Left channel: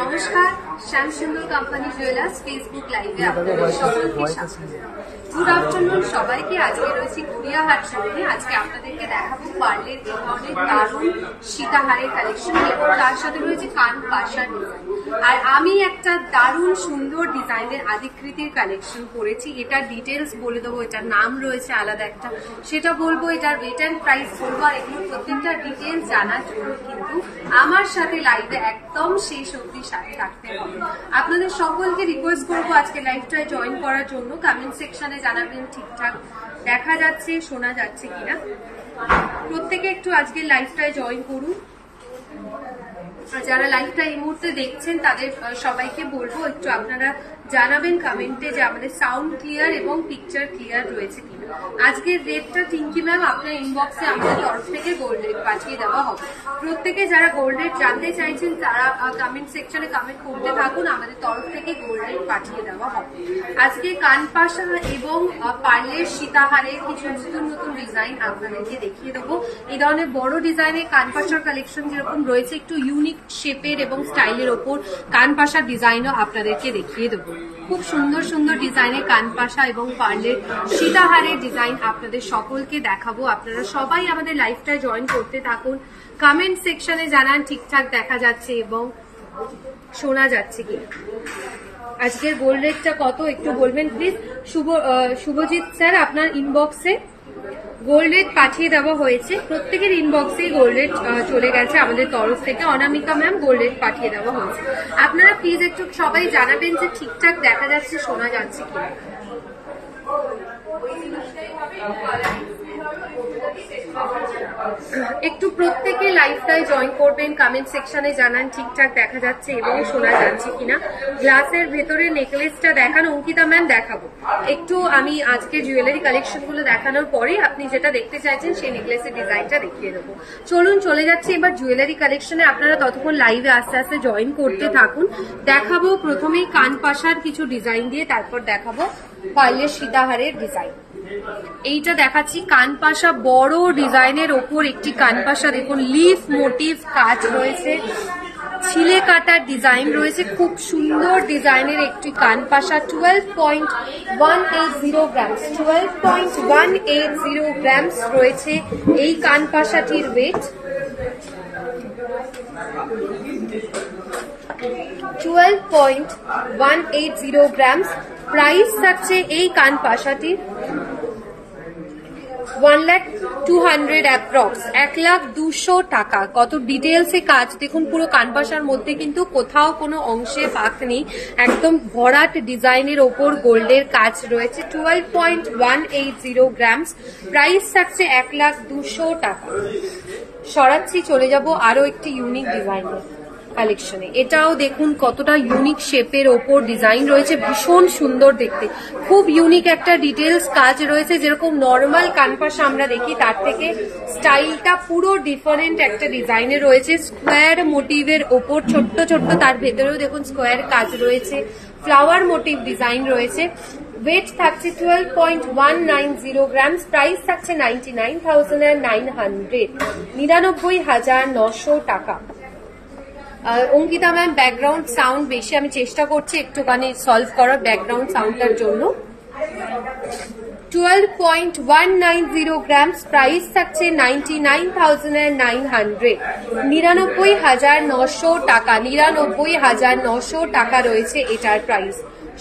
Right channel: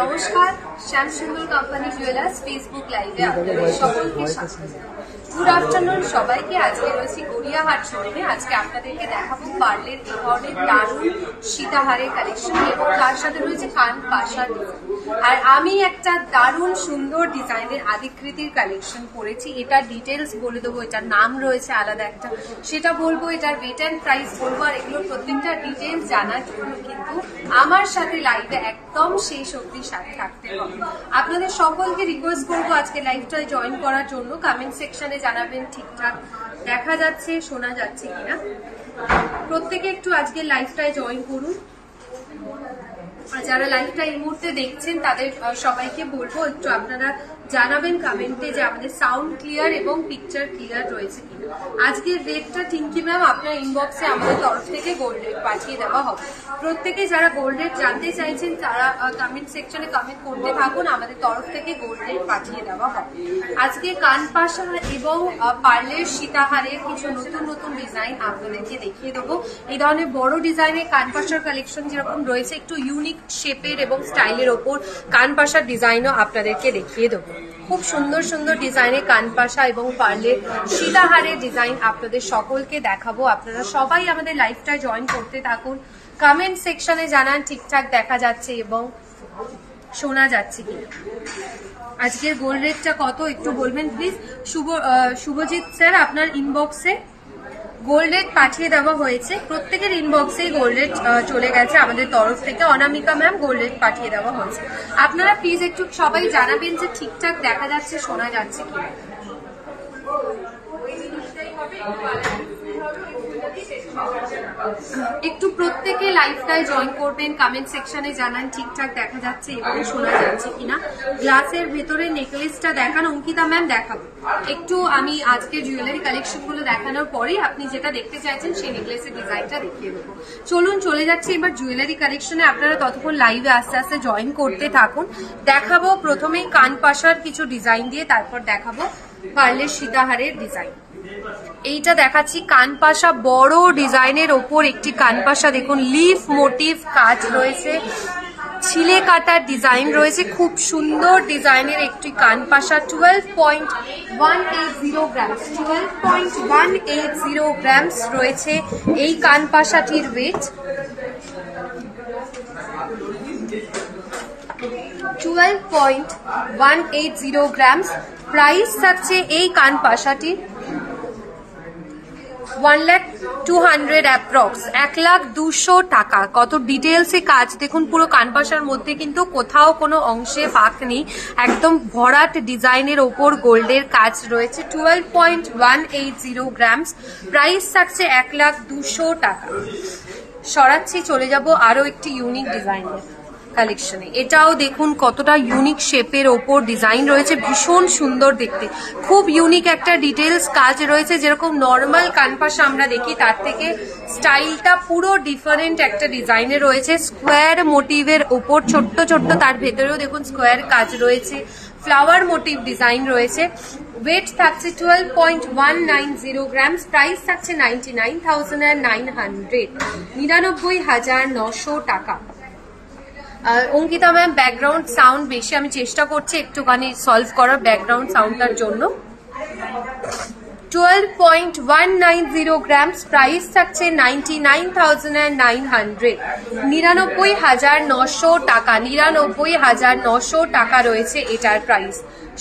নমস্কার, Shyamsundar company jewellers Facebook লাইভে আপনাদের সকলকে স্বাগত। গুড আফটারনুন সবাইকে। আজকে রয়েছি গড়িয়াহাট শোরুমে। আজকে আপনাদেরকে দেখাবো পার্লের ধরনের দারুণ সীতাহারের কালেকশন এবং তার সাথে রয়েছে কান পাশার ডিজাইন। আর আমি একটা দারুণ সুন্দর ডিজাইনের আদিকৃতির কালেকশন করেছি। এটার ডিটেলস বলে দেবো, এটার নাম রয়েছে আলাদা একটা, সেটা বলবো, এটার রেট অ্যান্ড প্রাইস বলবো। আর এগুলোর প্রত্যেকটা ডিটেলস জানার জন্য কিন্তু আমার সাথে লাইভে একদম শেষ অবধি সাথে থাকতে হবে। আপনাদের সকলকে রিকোয়েস্ট করবো আজকে লাইভটায় জয়েন করার জন্য। কমেন্ট সেকশনে জানাবেন ঠিকঠাক দেখা যাচ্ছে, শোনা যাচ্ছে কিনা। প্রত্যেকে একটু আজকে লাইভটায় জয়েন করুন। আর যারা লাইভটা এই মুহূর্তে দেখছেন তাদের সবাইকে বলবো একটু আপনারা জানাবেন কমেন্টে যে আমাদের সাউন্ড ক্লিয়ার এবং পিকচার ক্লিয়ার রয়েছে কিনা। আজকের রেটটা টিঙ্কি ম্যাম আপনার ইনবক্সে আমাদের তরফ থেকে গোল্ড রেট পাঠিয়ে দেওয়া হবে। প্রত্যেকে যারা গোল্ড রেট জানতে চাইছেন তারা কমেন্ট সেকশনে কমেন্ট করতে থাকুন, আমাদের তরফ থেকে গোল্ড রেট পাঠিয়ে দেওয়া হবে। আজকে কানপাশা এবং পার্লের সীতাহারের কিছু নতুন নতুন ডিজাইন আপনাদেরকে দেখিয়ে দেবো। এই ধরনের বড় ডিজাইনের কানপাশার কালেকশন যেরকম রয়েছে, একটু ইউনিক শেপের এবং স্টাইলের ওপর কানপাশার ডিজাইনও আপনাদেরকে দেখিয়ে দেবো। খুব সুন্দর সুন্দর ডিজাইনের কানপাশা এবং পার্লের সীতাহারের ডিজাইন আপনাদের সকলকে দেখাবো। আপনারা সবাই আমাদের লাইভটা জয়েন করতে থাকুন। কমেন্ট সেকশনে জানান ঠিকঠাক দেখা যাচ্ছে এবং শোনা যাচ্ছে কি। আজকের গোল্ড রেটটা কত একটু বলবেন প্লিজ। শুভজিৎ স্যার আপনার ইনবক্সে গোল্ড রেট পাঠিয়ে দেওয়া হয়েছে। প্রত্যেকের ইনবক্সে গোল্ড রেট চলে গেছে আমাদের তরফ থেকে। অনামিকা ম্যাম গোল্ড রেট পাঠিয়ে দেওয়া হয়েছে। আপনারা প্লিজ একটু সবাই জানাবেন যে ঠিকঠাক দেখা যাচ্ছে, শোনা যাচ্ছে কি। একটু প্রত্যেকে লাইভটায় জয়েন করবেন, কমেন্ট সেকশনে জানান ঠিকঠাক দেখা যাচ্ছে এবং শোনা যাচ্ছে কিনা। গ্লাসের ভেতরে নেকলেসটা দেখান অঙ্কিতা ম্যাম, দেখাবো একটু। আমি আজকের জুয়েলারি কালেকশন গুলো দেখানোর পরে আপনি যেটা দেখতে চাইছেন সেই নেকলেসের ডিজাইনটা দেখিয়ে দেবো। চলুন চলে যাচ্ছে এবার জুয়েলারি কালেকশনে। আপনারা ততক্ষণ লাইভে আস্তে আস্তে জয়েন করতে থাকুন। দেখাবো প্রথমেই কানপাশার কিছু ডিজাইন দিয়ে, তারপর দেখাবো পার্লের সীতাহারের ডিজাইন। এইটা দেখাচ্ছি কানপাশা, বড় ডিজাইনের ওপর একটি কানপাশা। দেখুন লিফ মোটিভ কাজ রয়েছে, ছিলে কাটার ডিজাইন রয়েছে, খুব সুন্দর ডিজাইনের একটি কানপাশা। 12.180 গ্রামস 12.180 গ্রামস রয়েছে এই কানপাশাটির ওয়েট। 12.180 গ্রামস। প্রাইস থাকছে এই কানপাশাটির 1,200,000 অ্যাপ্রক্স, 1,200,000 টাকা। কত ডিটেলসে কাজ দেখুন। পুরো কানপাশার মধ্যে কিন্তু কোথাও কোনো অংশে ফাঁক নেই, একদম ভরাট ডিজাইনের ওপর গোল্ডের কাজ রয়েছে। 12.180 গ্রামস। প্রাইস থাকছে 1,200,000 টাকা। সরাচ্ছি, চলে যাব আরো একটি ইউনিক ডিজাইন কালেকশনে। এটাও দেখুন কতটা ইউনিক শেপের ওপর ডিজাইন রয়েছে, ভীষণ সুন্দর দেখতে। খুব ইউনিক একটা ডিটেলস কাজ রয়েছে। যেরকম নর্মাল কানপাশা আমরা দেখি তার থেকে স্টাইলটা পুরো ডিফারেন্ট একটা ডিজাইনে রয়েছে। স্কোয়ার মোটিভের ওপর ছোট্ট ছোট্ট, তার ভেতরেও দেখুন স্কোয়ার কাজ রয়েছে, ফ্লাওয়ার মোটিভ ডিজাইন রয়েছে। ওয়েট থাকছে 12.190 গ্রামস। প্রাইস থাকছে 99,900, 99,900 টাকা। অঙ্কিতা ম্যাম ব্যাকগ্রাউন্ড সাউন্ড বেশি, আমি চেষ্টা করছি একটুখানি সলভ করার ব্যাকগ্রাউন্ড সাউন্ডটার জন্য। 12.190 গ্রামস। প্রাইস থাকছে 99,900, 99,900 টাকা। 99,900 টাকা রয়েছে এটার প্রাইস।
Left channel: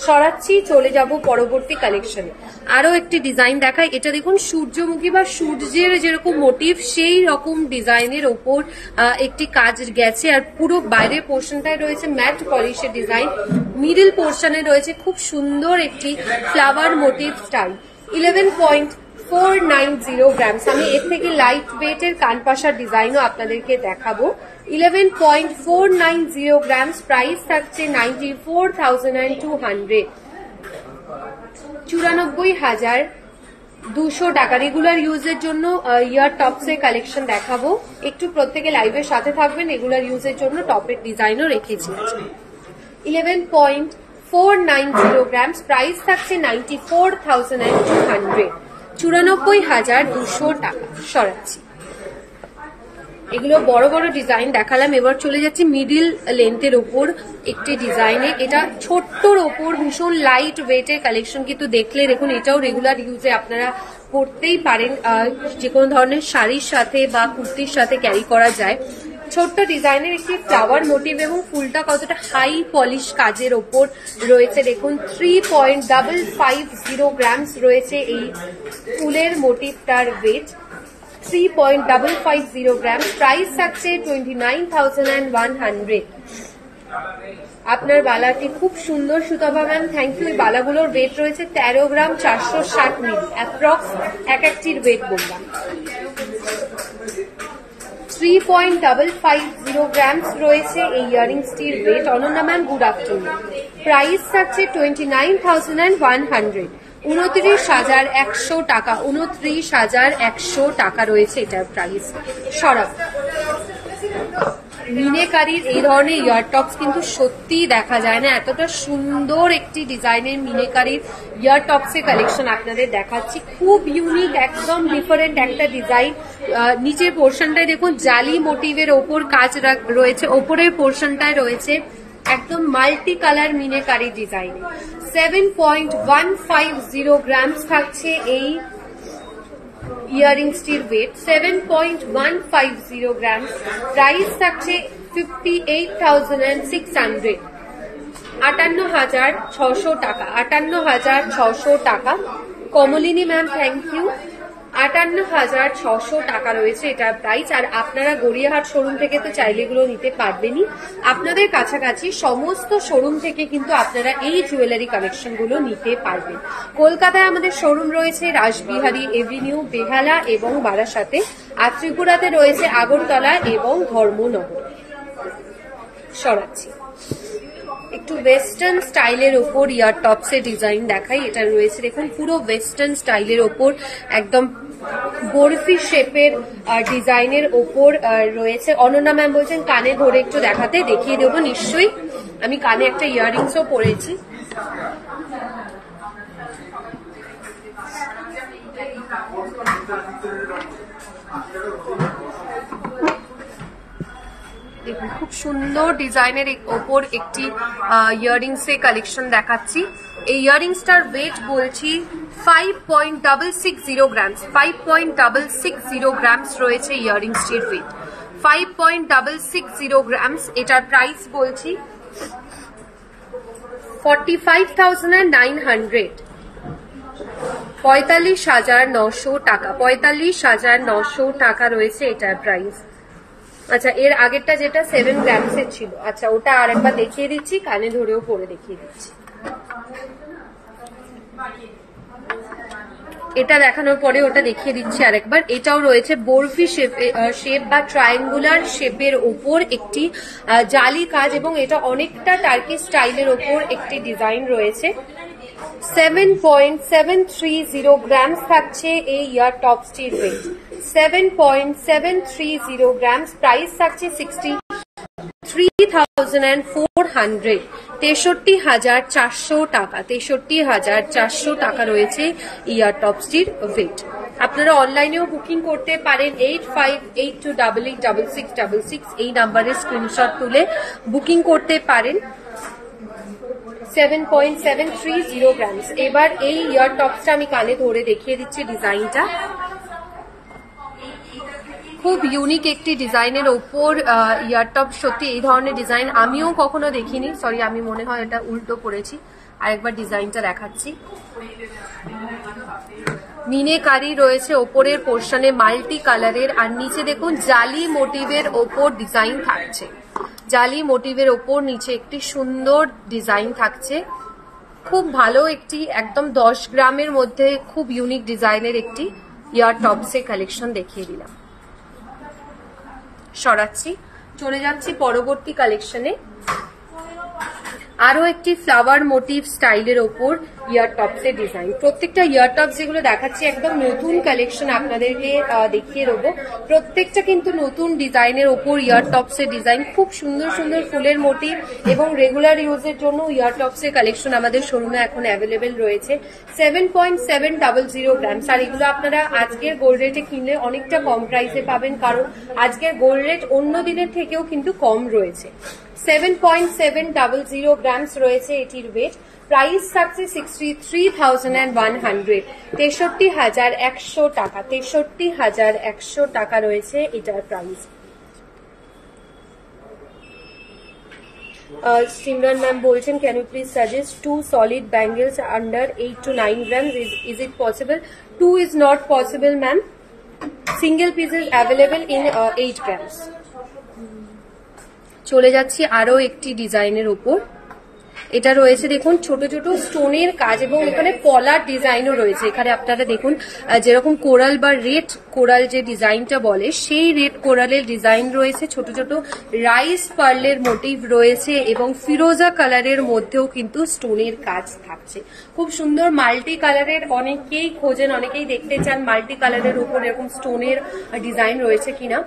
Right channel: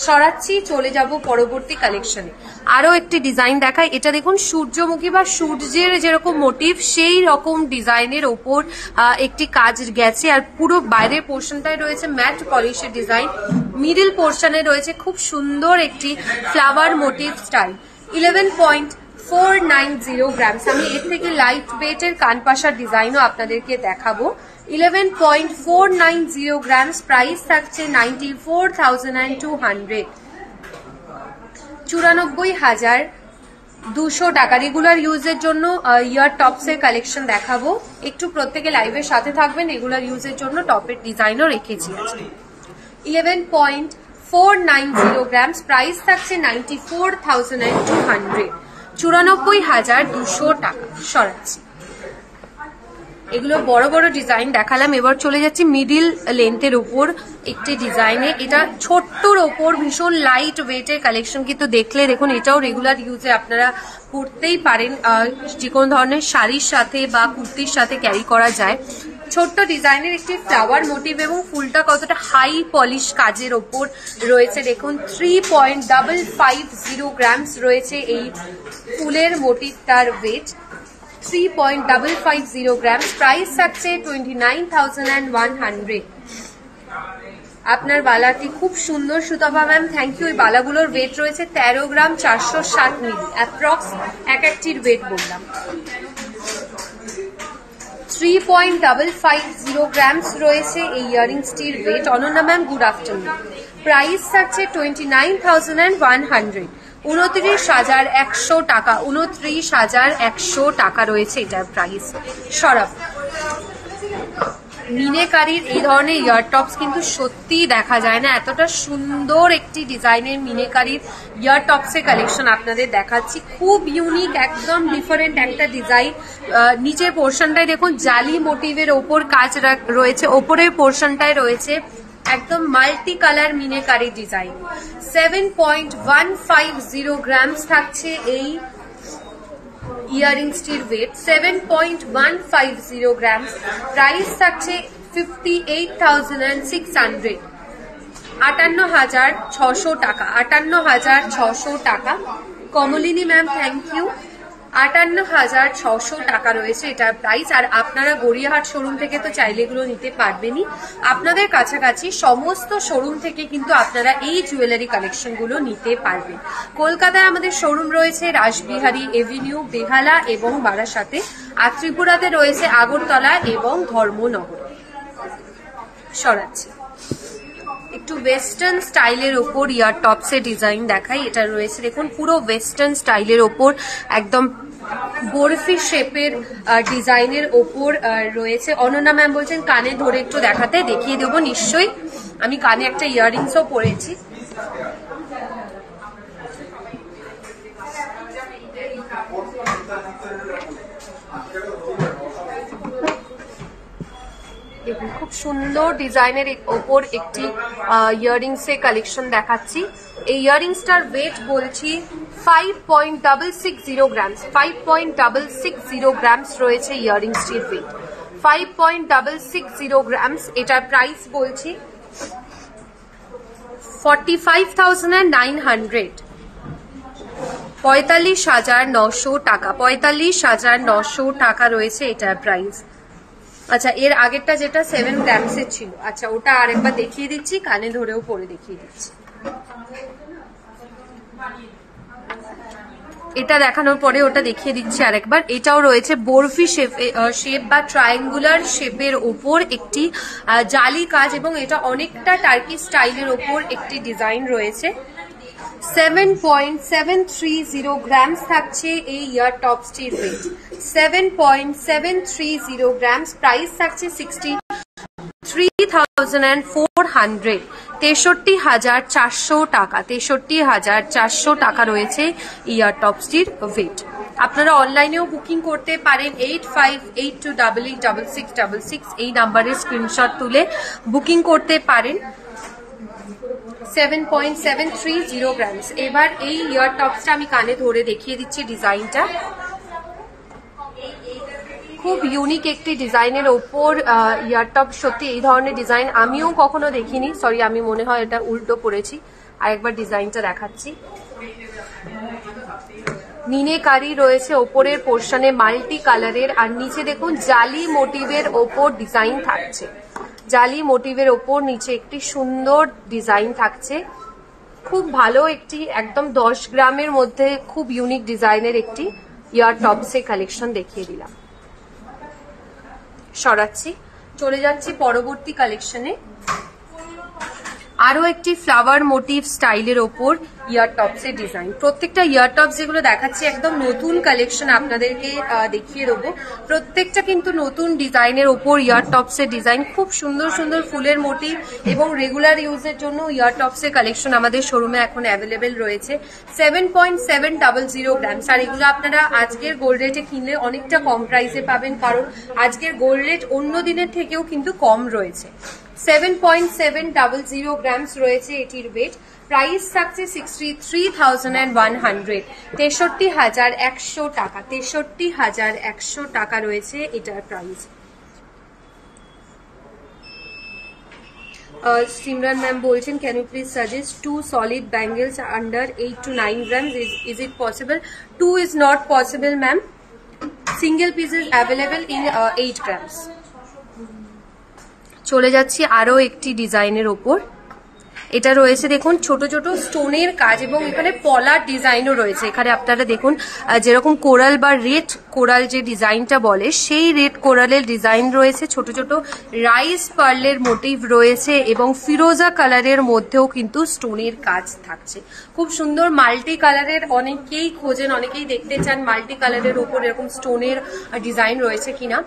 সরাচ্ছি, চলে যাব পরবর্তী কালেকশন। আরো একটি ডিজাইন দেখাই। এটা দেখুন সূর্যমুখী বা সূর্যের যেরকম মোটিভ সেই রকম ডিজাইনের ওপর একটি কাজ গেছে। আর পুরো বাইরের পোর্শনটায় রয়েছে ম্যাট পলিশের ডিজাইন, মিডল পোর্শনে রয়েছে খুব সুন্দর একটি ফ্লাওয়ার মোটিভ স্টাইল। 11.490 গ্রামস। আমি এর থেকে লাইট ওয়েটের কানপাশার ডিজাইনও আপনাদেরকে দেখাবো। 11.490 গ্রামস। প্রাইস থাকছে 94,200, 94,200 টাকা। রেগুলার ইউজের জন্য ইয়ার টপস এর কালেকশন দেখাবো। একটু প্রত্যেকে লাইভের সাথে থাকবেন। রেগুলার ইউজের জন্য টপের ডিজাইনও রেখেছি। 11.490 গ্রামস। প্রাইস থাকছে 94,200, 94,200 টাকা। সরাচ্ছি। এগুলো বড় বড় ডিজাইন দেখালাম, এবার চলে যাচ্ছি মিডিল লেন্থের ওপর একটি ডিজাইনে। এটা ছোট্টর ওপর ভীষণ লাইট ওয়েটের কালেকশন, কিন্তু দেখলে দেখুন এটাও রেগুলার ইউজে আপনারা পরতেই পারেন, যে কোনো ধরনের শাড়ির সাথে বা কুর্তির সাথে ক্যারি করা যায়। ছোট্ট ডিজাইনের একটি ফ্লাওয়ার মোটিভ এবং ফুলটা কতটা হাই পলিশ কাজের ওপর রয়েছে দেখুন। 3.550 গ্রামস রয়েছে এই ফুলের মোটিভটার ওয়েট, 3.550 গ্রামস। প্রাইস থাকছে 29,100। আপনার বালাটি খুব সুন্দর সুতপা ম্যাম, থ্যাংক ইউ। এই বালাগুলোর ওয়েট রয়েছে 13 গ্রাম 460 মিলি, অ্যাপ্রক্স এক একটির ওয়েট বললাম। 3.550 গ্রামস রয়েছে এই ইয়ারিংসটির weight. Ananya ma'am good afternoon. Price থাকছে 29,100, 29,100 টাকা, 29,100 টাকা রয়েছে এটার প্রাইস। সরাব মিনেকারির এই ধরনের ইয়ার টপস কিন্তু সত্যিই দেখা যায় না, এতটা সুন্দর একটি ডিজাইনের মিনেকারির ইয়ার টপসের কালেকশন আপনাদের দেখাচ্ছি। খুব ইউনিক, একদম ডিফারেন্ট একটা ডিজাইন। নিচের পোর্শনটায় দেখুন জালি মোটিভের ওপর কাজ রয়েছে, ওপরের পোর্শনটায় রয়েছে একদম multi colour meenakari design. 7.150 grams থাকছে এই ইয়ারিংসটির ওয়েট, 7.150 গ্রামস। প্রাইস থাকছে 58,600, 58,600 টাকা, 58,600 টাকা। Kamalini ma'am thank you. 58,600 টাকা রয়েছে এটা প্রাইস। আর আপনারা গড়িয়াহাট শোরুম থেকে তো চাইলে এগুলো নিতে পারবেনই, আপনাদের কাছাকাছি সমস্ত শোরুম থেকে কিন্তু আপনারা এই জুয়েলারি কালেকশন গুলো নিতে পারবেন। কলকাতায় আমাদের শোরুম রয়েছে রাসবিহারী এভিনিউ, বেহালা এবং বারাসাতে। আর ত্রিপুরাতে রয়েছে আগরতলা এবং ধর্মনগর। সরাচ্ছি একটু ওয়েস্টার্ন স্টাইলের ওপর ইয়ার টপসের ডিজাইন দেখাই। এটা রয়েছে দেখুন পুরো ওয়েস্টার্ন স্টাইলের ওপর একদম বরফি শেপের ডিজাইনের ওপর রয়েছে। অনন্যা ম্যাম বলছেন কানে ধরে একটু দেখাতে, দেখিয়ে দেবো নিশ্চয়ই। আমি কানে একটা ইয়াররিংসও পরেছি। দেখুন খুব সুন্দর ডিজাইনের ওপর একটি ইয়াররিংস এর কালেকশন দেখাচ্ছি। এই ইয়াররিংসটার ওয়েট বলছি 5.660 গ্রামস, 5.660 গ্রামস রয়েছে ইয়াররিংসটির ওয়েট, 5.660 গ্রামস। এটার প্রাইস বলছি 45,900, 45,900 টাকা, 45,900 টাকা রয়েছে এটার প্রাইস। আচ্ছা এর আগেরটা যেটা 7 গ্রামসের ছিল, আচ্ছা ওটা আরেকবার দেখিয়ে দিচ্ছি, কানে ধরেও পরে দেখিয়ে দিচ্ছি। এটা দেখানোর পরে ওটা দেখিয়ে দিচ্ছি আরেকবার। এটাও রয়েছে বরফি শেপ বা ট্রায়াঙ্গুলার শেপের ওপর একটি জালি কাজ, এবং এটা অনেকটা টার্কি স্টাইলের ওপর একটি ডিজাইন রয়েছে। 7.730 গ্রামস থাকছে এই ইয়ার টপসটির ওয়েট, 7.730 গ্রামস। প্রাইস থাকছে 63,400, 63,400 টাকা, 63,400 টাকা রয়েছে ইয়ার টপসটির ওয়েট। আপনারা অনলাইনেও বুকিং করতে পারেন, 8582886666 এই নাম্বারে স্ক্রিনশট তুলে বুকিং করতে পারেন। 7.730 গ্রামস। এবার এই ইয়ার টপসটা আমি কানে ধরে দেখিয়ে দিচ্ছি ডিজাইনটা। খুব ইউনিক একটি ডিজাইনের ওপর ইয়ার টপ, সত্যি এই ধরনের ডিজাইন আমিও কখনো দেখিনি। সরি আমি মনে হয় এটা উল্টো পড়েছি, আরেকবার ডিজাইনটা দেখাচ্ছি। মিনেকারি রয়েছে ওপরের পোর্শনে মাল্টি কালারের, আর নিচে দেখুন জালি মোটিভের ওপর ডিজাইন থাকছে, জালি মোটিভের ওপর নিচে একটি সুন্দর ডিজাইন থাকছে। খুব ভালো একটি একদম 10 গ্রামের মধ্যে খুব ইউনিক ডিজাইনের একটি ইয়ার টপসের কালেকশন দেখিয়ে দিলাম। সরাচ্ছি, চলে যাচ্ছি পরবর্তী কালেকশনে। আরো একটি ফ্লাওয়ার মোটিভ স্টাইলের ওপর ইয়ার টপসের ডিজাইন। প্রত্যেকটা ইয়ার টপস যেগুলো দেখাচ্ছি একদম নতুন কালেকশন আপনাদেরকে দেখিয়ে দেবো। প্রত্যেকটা কিন্তু নতুন ডিজাইনের ওপর ইয়ার টপসের ডিজাইন, খুব সুন্দর সুন্দর ফুলের মোটিভ এবং রেগুলার ইউজের জন্য ইয়ার টপসের কালেকশন আমাদের শোরুমে এখন অ্যাভেলেবেল রয়েছে। 7.700 গ্রামস, আর এগুলো আপনারা আজকের গোল্ড রেটে কিনলে অনেকটা কম প্রাইসে পাবেন, কারণ আজকের গোল্ড রেট অন্য দিনের থেকেও কিন্তু কম রয়েছে। 7.700 গ্রামস রয়েছে এটির ওয়েট। প্রাইস থাকছে 63,100, 63,100 টাকা। 63,100 টাকা রয়েছে এটার প্রাইস। Simran ma'am বলছেন, can you please suggest 2 solid bangles under 8 to 9 grams? Is it possible? 2 is not possible, ma'am. Single pieces available in 8 grams. চলে যাচ্ছি আরো একটি ডিজাইনের ওপর। এটা রয়েছে দেখুন ছোট ছোট স্টোনের কাজ এবং এখানে পলার ডিজাইনও রয়েছে। এখানে আপনারা দেখুন যেরকম কোরাল বা রেড কোরাল যে ডিজাইনটা বলে সেই রেড কোরালের ডিজাইন রয়েছে, ছোট ছোট রাইস পার্লের মোটিভ রয়েছে এবং ফিরোজা কালারের মধ্যেও কিন্তু স্টোনের কাজ থাকছে। খুব সুন্দর মাল্টি কালারের, অনেকেই খোঁজেন, অনেকেই দেখতে চান মাল্টি কালারের উপর এরকম স্টোনের ডিজাইন রয়েছে কিনা।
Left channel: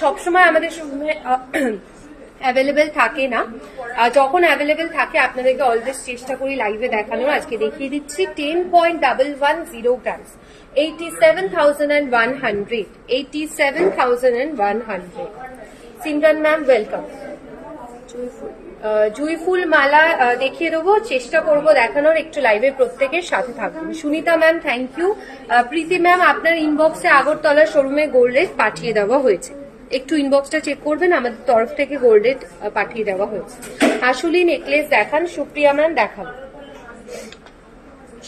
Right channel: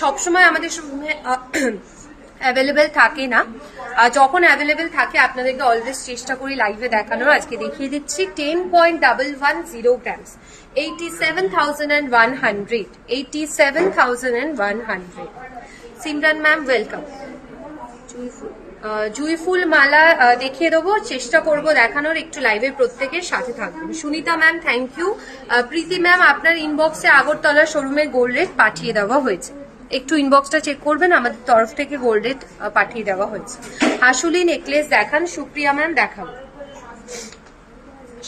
সবসময় আমাদের অ্যাভেলেবেল থাকে না, যখন অ্যাভেলেবেল থাকে আপনাদেরকে অলওয়েজ চেষ্টা করি লাইভে দেখানোর। আজকে দেখিয়ে দিচ্ছি 10.110 গ্রামস, 87,100, 87,100। Simran ma'am welcome. জুইফুল মালা দেখিয়ে দেবো, চেষ্টা করব দেখানোর, একটু লাইভে প্রত্যেকের সাথে থাকবেন। Sunita ma'am thank you. Preeti ma'am আপনার ইনবক্সে আগরতলা শোরুমে গোল্ড রেট পাঠিয়ে দেওয়া হয়েছে, একটু ইনবক্সটা চেক করবেন, আমাদের তরফ থেকে গোল্ড রেট পাঠিয়ে দেওয়া হয়েছে। হাসুলি নেকলেস দেখান, সুপ্রিয়া ম্যাম দেখান।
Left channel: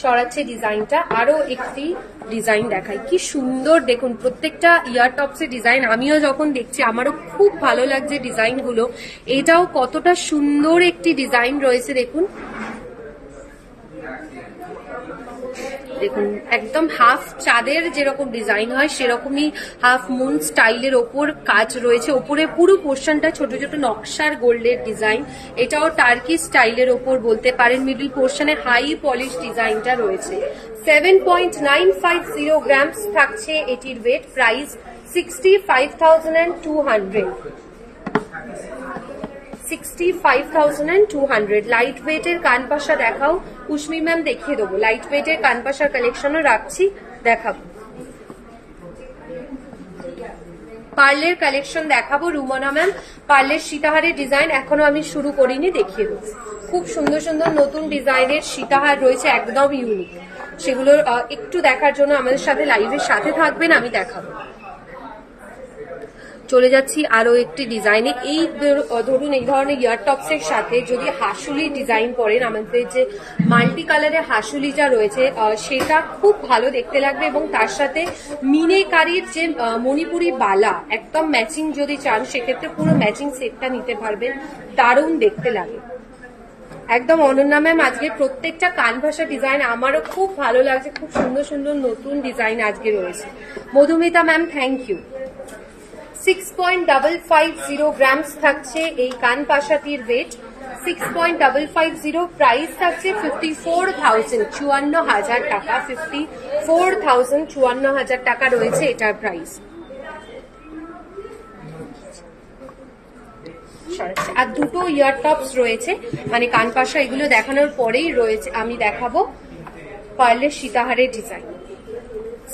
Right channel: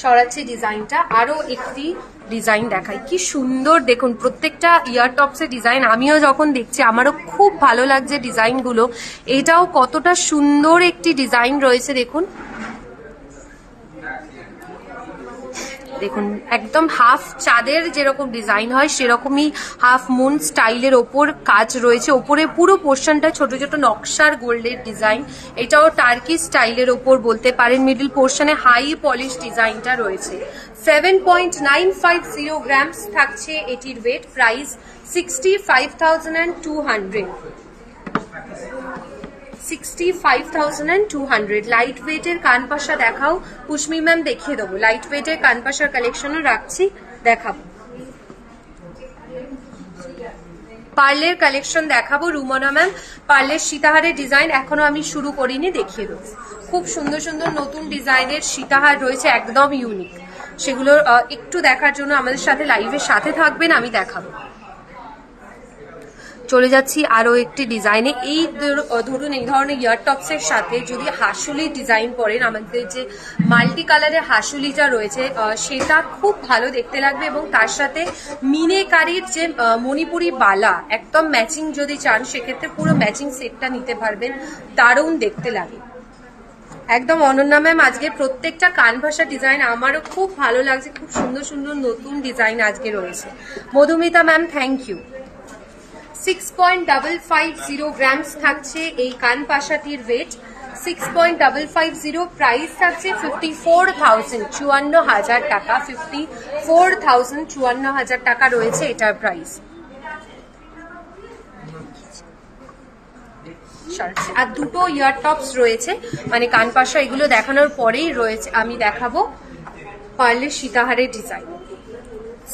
সরাচ্ছে ডিজাইনটা, আরো একটি ডিজাইন দেখাই, কি সুন্দর দেখুন প্রত্যেকটা ইয়ার টপসের ডিজাইন। আমিও যখন দেখছি আমারও খুব ভালো লাগছে ডিজাইনগুলো। এটাও কতটা সুন্দর একটি ডিজাইন রয়েছে দেখুন, দেখুন একদম হাফ চাঁদের যেরকম ডিজাইন হয় সেরকমই হাফ মুন স্টাইলের ওপর কাজ রয়েছে। ওপরে পুরো পোর্শনটা ছোট ছোট নকশার গোল্ডের ডিজাইন, এটাও টার্কি স্টাইলের ওপর বলতে পারেন। মিডল পোর্শনে হাই পলিশ ডিজাইনটা রয়েছে। 7.950 গ্রামস থাকছে এটির ওয়েট। প্রাইস 65,200, 65,200। লাইট ওয়েটের কানপাশা দেখাও, কুশমি ম্যাম দেখিয়ে দেবো। লাইট ওয়েটের কানপাশার কালেকশনও রাখছি, দেখাবো। পার্লের কালেকশন দেখাবো রুমনা ম্যাম। পার্লের সীতাহারের ডিজাইন এখনো আমি শুরু করিনি, দেখিয়ে দেবো। খুব সুন্দর সুন্দর নতুন ডিজাইনের সীতাহার রয়েছে, একদম ইউনিক। সেগুলোর একটু দেখার জন্য আমাদের সাথে লাইভের সাথে থাকবেন, আমি দেখাবো। চলে যাচ্ছি আরো একটি ডিজাইনে। এই ধরুন এই ধরনের ইয়ার টপসের সাথে যদি হাসুলি ডিজাইন করেন, আমাদের যে মাল্টি কালারের হাসুলিটা রয়েছে সেটা খুব ভালো দেখতে লাগবে এবং তার সাথে মিনেকারির যে মণিপুরি বালা একদম ম্যাচিং যদি চান সেক্ষেত্রে পুরো ম্যাচিং সেটটা নিতে পারবেন, দারুণ দেখতে লাগে একদম। অনন্যা ম্যাম আজকে প্রত্যেকটা কানভাসা ডিজাইন আমারও খুব ভালো লাগছে, খুব সুন্দর সুন্দর নতুন ডিজাইন আজকে রয়েছে। Madhumita ma'am thank you. 6.550 grams থাকছে এই কানপাশাটির ওয়েট। 6.550, প্রাইস থাকছে 54,000, 54,000 টাকা। 54,000, 54,000 টাকা রয়েছে এটার প্রাইস। আর দুটো ইয়ার টপস রয়েছে, মানে কানপাশা, এগুলো দেখানোর পরেই রয়েছে আমি দেখাবো পার্লের সীতাহারের ডিজাইন।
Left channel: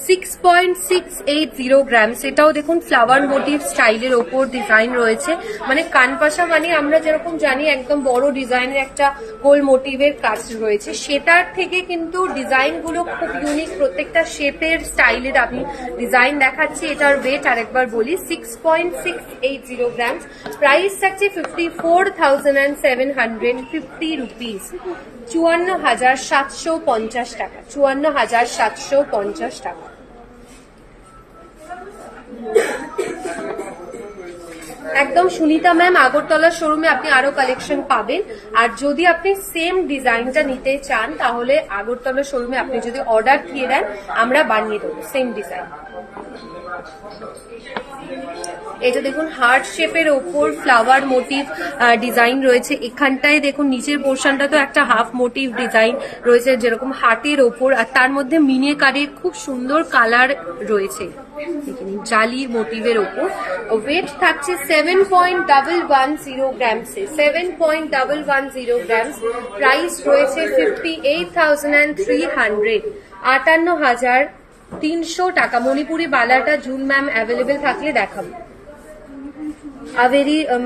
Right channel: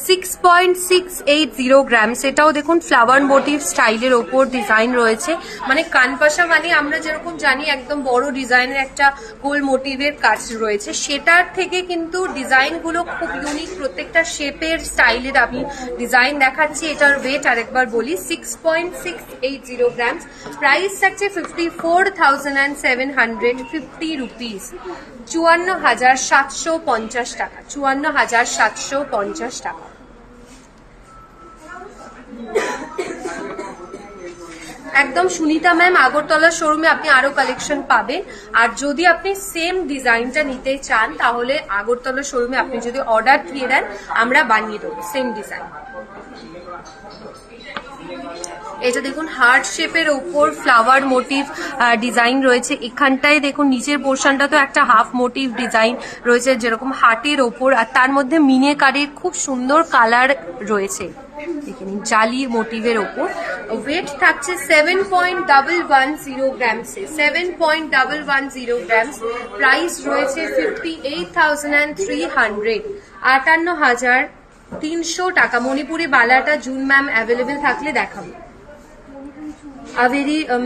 6.680 গ্রামস, এটাও দেখুন ফ্লাওয়ার মোটিভ স্টাইলের ওপর ডিজাইন রয়েছে। মানে কানপাশা মানে আমরা যেরকম জানি একদম বড় ডিজাইনের একটা গোল মোটিভের কাজ রয়েছে, সেটার থেকে কিন্তু ডিজাইনগুলো খুব ইউনিক, প্রত্যেকটা শেপের স্টাইলের আমি ডিজাইন দেখাচ্ছি। এটার ওয়েট আরেকবার বলি 6.680 গ্রামস। প্রাইস থাকছে 54,750 রুপিস, 54,750 টাকা, 54,750 টাকা। একদম সুনিতা ম্যাম আগরতলা শোরুমে আপনি আরো কালেকশন পাবেন। আর যদি আপনি সেম ডিজাইনটা নিতে চান তাহলে আগরতলা শোরুমে আপনি যদি অর্ডার দিয়ে দেন আমরা বানিয়ে দেবো সেম ডিজাইন। এটা দেখুন হার্ট শেপের উপর ফ্লাওয়ার মোটিভ ডিজাইন রয়েছে। এখানটায় দেখুন নিচের পোর্শনটা তো একটা হাফ মোটিভ ডিজাইন রয়েছে যেরকম হার্টের ওপর, আর তার মধ্যে মিনেকারের খুব সুন্দর কালার রয়েছে জালির মোটিভের ওপর। ওয়েট থাকছে 7.110 গ্রামস, 7.110 গ্রামস। প্রাইস রয়েছে 58,300, 58,300 টাকা। মণিপুরি বালাটা জুন ম্যাম অ্যাভেলেবেল থাকলে দেখাবো।